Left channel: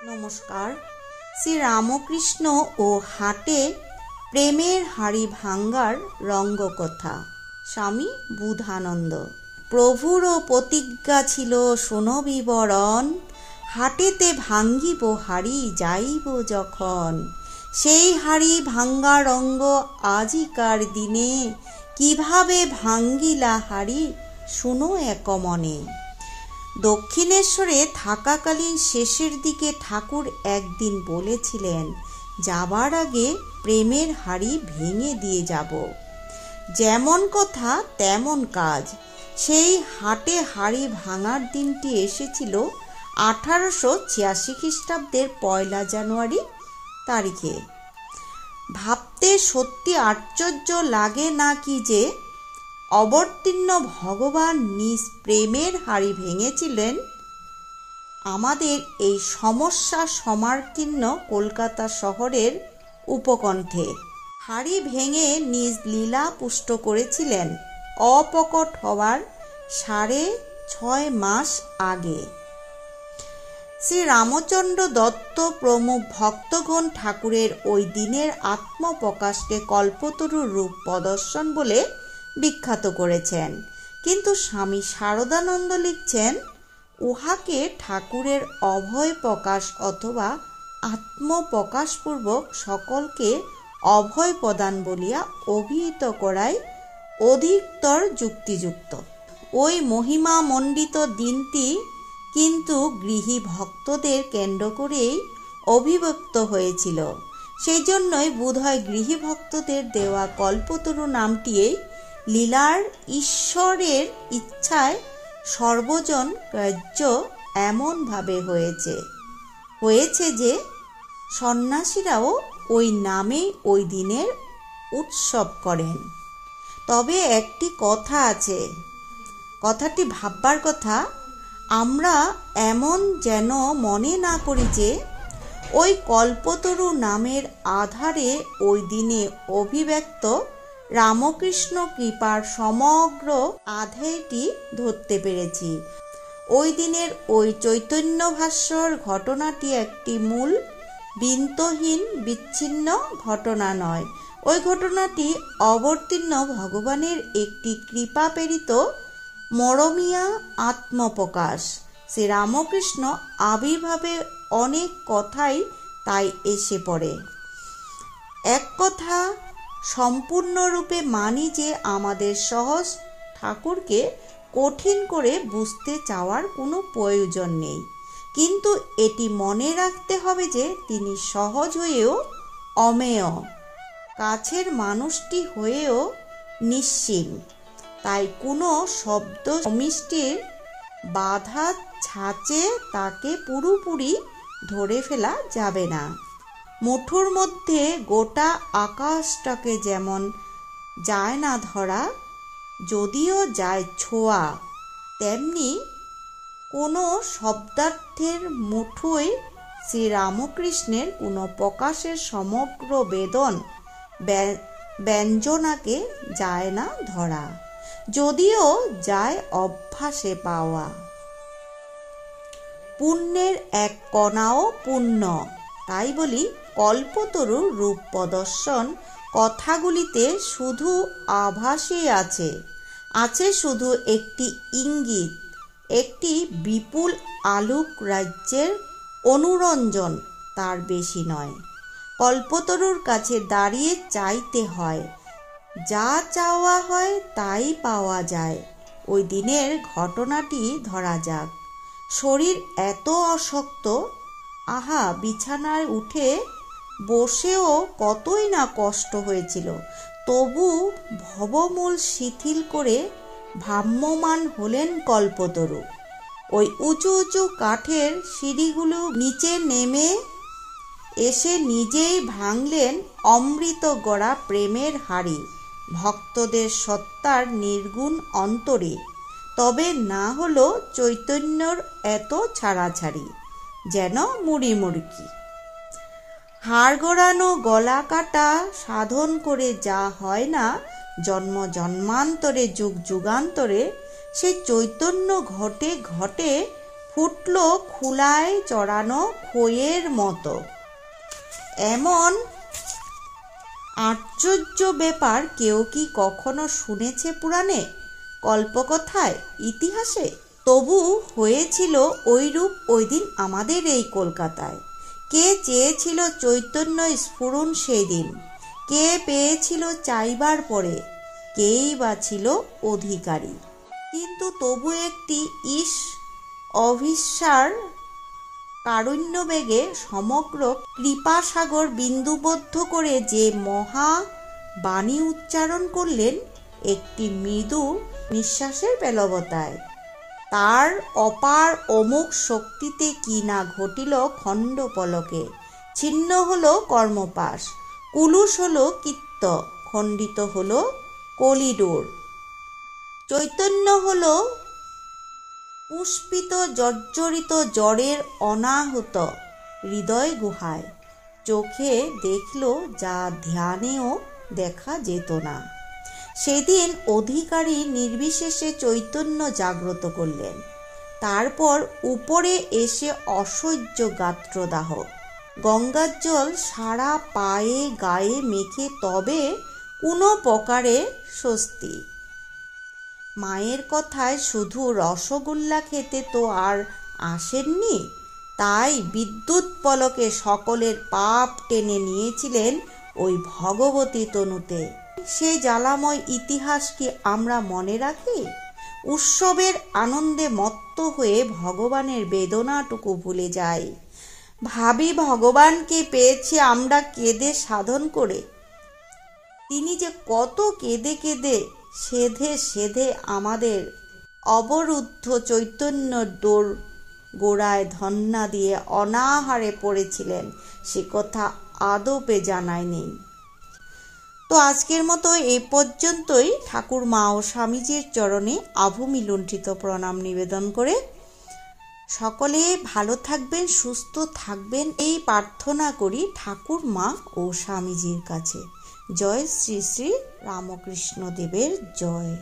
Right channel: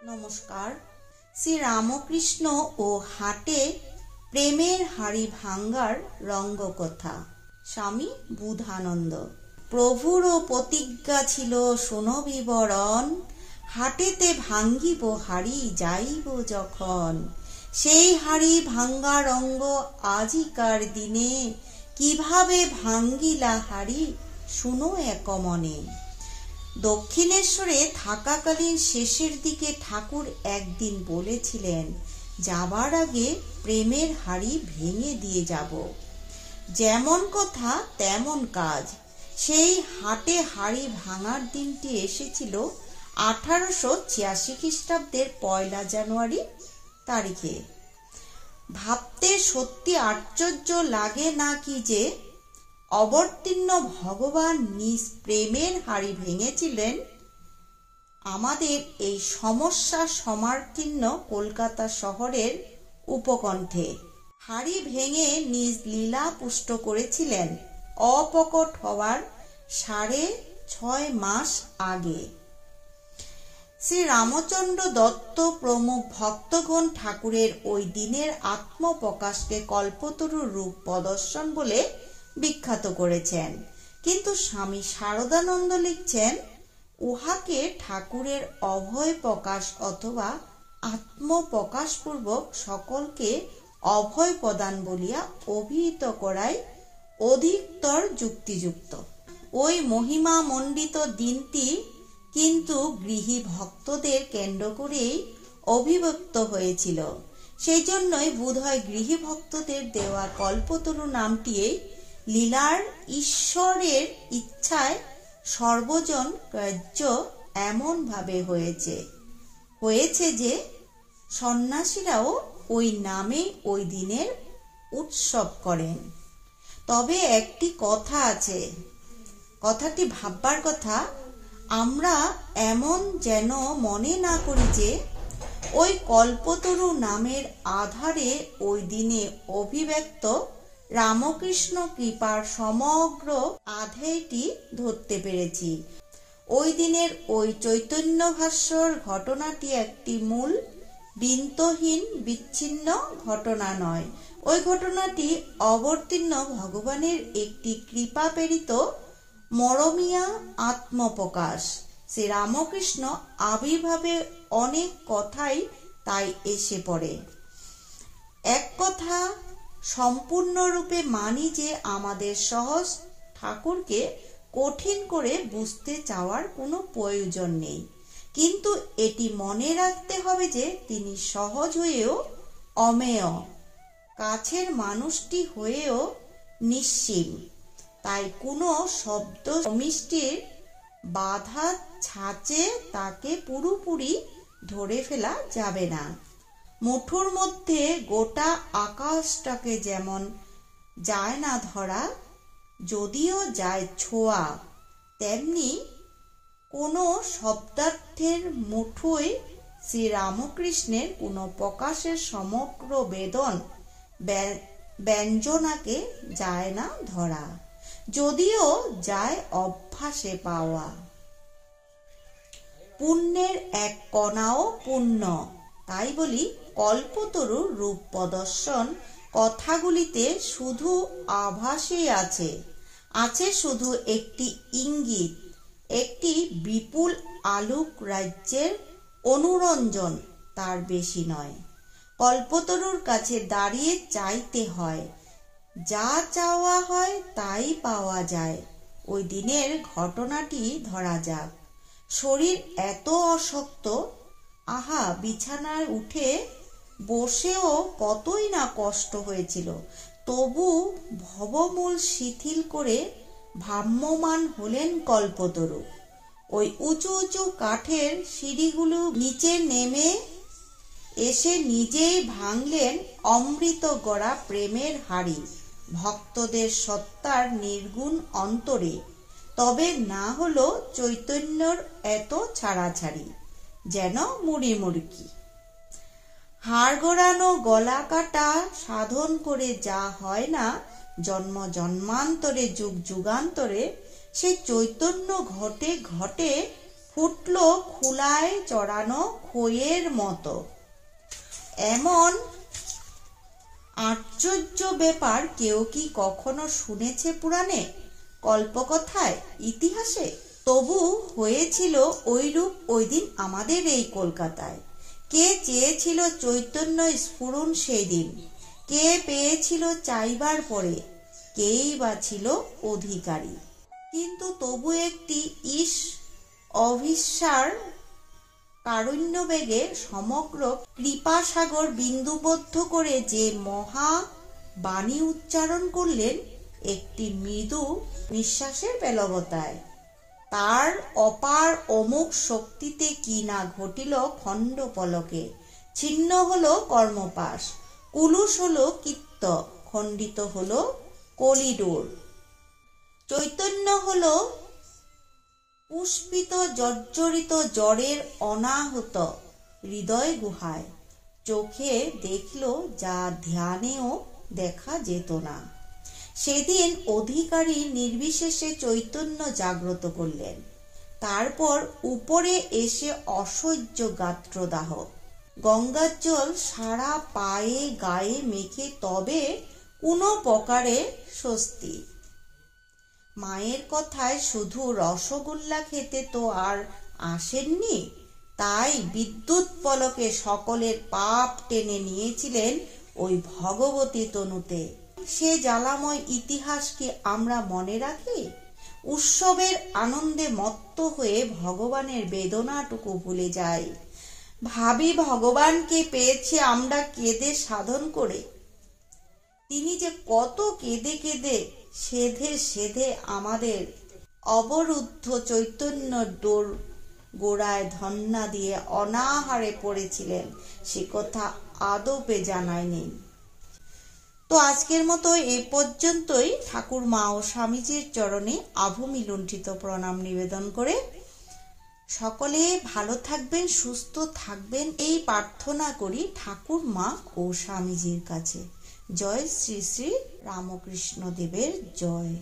নমস্কার। শ্রী রামকৃষ্ণ ও হাটে প্রেমের হাড়ি ভাঙ্গার রঙ্গকথা। স্বামী বুধানন্দ। প্রভুরও প্রতিজ্ঞা ছিল শোনো বিবরণ, হাটেতে ভাঙ্গিব হাড়ি যাইব যখন। সেই হাড়ি ভাঙ্গা রঙ্গ আজিকার দিনে, কিভাবে ভাঙ্গিলা হাড়ি শুনো একমনে। দক্ষিণেশ্বরে থাকাকালীন শেষের দিকে ঠাকুর একদিন বলেছিলেন, যাবার আগে প্রেমের হাড়ি ভেঙে দিয়ে যাব। যেমন কথা তেমন কাজ। সেই হাটে হাড়ি ভাঙার দিনটি এসেছিল 1886 খ্রিস্টাব্দের 1 জানুয়ারি তারিখে। ভাবতে সত্যি আশ্চর্য লাগে না কি যে অবতীর্ণ ভগবান নিজ প্রেমের হাড়ি ভেঙেছিলেন আমাদের এই সমস্যা সমাকীর্ণ কলকাতা শহরের উপকণ্ঠে। হাড়ি ভেঙে নিজ লীলা পুষ্ট করেছিলেন অপ্রকট হওয়ার 6.5 মাস আগে। শ্রী রামচন্দ্র দত্ত প্রমুখ ভক্তগণ ঠাকুরের ওই দিনের আত্মপ্রকাশকে কল্পতরু রূপ প্রদর্শন বলে বিখ্যাত করেছেন। কিন্তু স্বামী শারদানন্দ লিখছেন, উহাকে ঠাকুরের অভয় প্রকাশ অথবা আত্মপ্রকাশপূর্বক সকলকে অভয় প্রদান বলিয়া অভিহিত করাই অধিকতর যুক্তিযুক্ত। ওই মহিমা মণ্ডিত দিনটি কিন্তু গৃহী ভক্তদের কেন্দ্র করেই অভিব্যক্ত হয়েছিল। সেই জন্যই বোধহয় গৃহী ভক্তদের দেওয়া কল্পতরু নামটিই লীলার ঈশ্বরের ইচ্ছায় সর্বজন গ্রাহ্য এমন ভাবে হয়েছে যে সন্ন্যাসীরাও ওই নামে ওই দিনের উৎসব করেন। তবে একটি কথা আছে, কথাটি ভাববার কথা। আমরা এমন যেন মনে না করি যে ওই কল্পতরু নামের আধারে ওই দিনে অভিব্যক্ত রামকৃষ্ণ কৃপার সমগ্র আধারটি ধরতে পেরেছি। ওই দিনের ওই চৈতন্য ভাস্বর ঘটনাটি একটি মূল বিন্দুহীন বিচ্ছিন্ন ঘটনা নয়। ওই ঘটনাটি অবতীর্ণ ভগবানের একটি কৃপা প্রেরিত মরমিয়া আত্মপ্রকাশ। শ্রী রামকৃষ্ণ আবির্ভাবে অনেক কথাই তাই এসে পড়ে। এক কথা সম্পূর্ণরূপে মানি যে আমাদের সহজ ঠাকুরকে কঠিন করে বুঝতে চাওয়ার কোনো প্রয়োজন নেই। কিন্তু এটি মনে রাখতে হবে যে তিনি সহজ হয়েও অমেয়, কাছের মানুষটি হয়েও নিঃসীম। তাই কোনো শব্দ সমিষ্টির বাধা ছাঁচে তাকে পুরোপুরি ধরে ফেলা যাবে না। মুঠোর মধ্যে গোটা আকাশটাকে যেমন যায় না ধরা, যদিও যায় ছোঁয়া, তেমনি কোনো শব্দার্থের মুঠোয় শ্রীরামকৃষ্ণের কোনো প্রকাশের সমগ্র বেদন ব্যঞ্জনাকে যায় না ধরা, যদিও যায় অভ্যাসে পাওয়া। পুণ্যের এক কণাও পুণ্য। তাই বলি কল্পতরু রূপ প্রদর্শন কথাগুলিতে শুধু আভাসই আছে শুধু একটি ইঙ্গিত, একটি বিপুল আলোক রাজ্যের অনুরঞ্জন, তার বেশি নয়। কল্পতরুর কাছে দাঁড়িয়ে চাইতে হয়, যা চাওয়া হয় তাই পাওয়া যায়। ওই দিনের ঘটনাটি ধরা যাক। শরীর এত অশক্ত, আহা বিছানায় উঠে বসেও কতই না কষ্ট হয়েছিল, তবু ভবমূল শিথিল করে ভ্রাম্যমান হলেন কল্পতরু। ওই উঁচু উঁচু কাঠের সিঁড়িগুলো নিচে নেমে এসে নিজেই ভাঙলেন অমৃত গড়া প্রেমের হাড়ি ভক্তদের সত্তার নির্গুণ অন্তরে। তবে না হলো চৈতন্যর এত ছাড়াছাড়ি, যেন মুড়ি মুড়কি। হাড় গড়ানো গলা কাটা সাধন করে যা হয় না জন্ম জন্মান্তরে যুগ যুগান্তরে, সে চৈতন্য ঘটে ঘটে ফুটল খুলায় চড়ানো খইয়ের মতো। এমন আশ্চর্য ব্যাপার কেউ কি কখনো শুনেছে পুরাণে, কল্পকথায়, ইতিহাসে? তবু হয়েছিল ওইরূপ ওই দিন আমাদের এই কলকাতায়। কে চেয়েছিল চৈতন্য স্ফুরণ সেই দিন? কে পেয়েছিল চাইবার পরে? কেই বা ছিল অধিকারী? কিন্তু তবু একটি অভিসার কারুণ্যবেগে সমগ্র কৃপাসাগর বিন্দুবদ্ধ করে যে মহা বাণী উচ্চারণ করলেন একটি মৃদু নিঃশ্বাসের বেলবতায়, তার অপার অমোঘ শক্তিতে কি না ঘটিল খণ্ড পলকে। ছিন্ন হলো কর্মপাশ, কুলুষ হলো কীর্ত, খণ্ডিত হলো কলিডোর। চৈতন্য হলো পুষ্পিত জর্জরিত জ্বরের অনাহত হৃদয় গুহায়। চোখে দেখল যা ধ্যানেও দেখা যেত না। সেদিন অধিকারী নির্বিশেষে চৈতন্য জাগ্রত করলেন। তারপর উপরে এসে অসহ্য গাত্রদাহ, গঙ্গার জল সারা পায়ে গায়ে মেখে তবে কোনো প্রকারে স্বস্তি। মায়ের কথায় শুধু রসগোল্লা খেতে তো আর আসেননি, তাই বিদ্যুৎ পলকে সকলের পাপ টেনে নিয়েছিলেন ওই ভগবতী তনুতে। সে জ্বালাময় ইতিহাস কি আমরা মনে রাখি? উৎসবের আনন্দে মত্ত হয়ে ভগবানের বেদনাটুকু ভুলে যাই। ভাবি ভগবানকে পেয়েছি আমরা কেঁদে সাধন করে। তিনি যে কত কেঁদে কেঁদে সেধে সেধে আমাদের অবরুদ্ধ চৈতন্য ডোর গোড়ায় ধন্না দিয়ে অনাহারে পড়েছিলেন, সে কথা আদপে জানাই নেই। তো আজকের মতো এই পর্যন্তই। ঠাকুর মা ও স্বামীজির চরণে আভূমি লুণ্ঠিত প্রণাম নিবেদন করে সকলে ভালো থাকবেন, সুস্থ থাকবেন এই প্রার্থনা করি ঠাকুর মা ও স্বামীজির কাছে। জয় শ্রী শ্রী রামকৃষ্ণ দেবের জয়।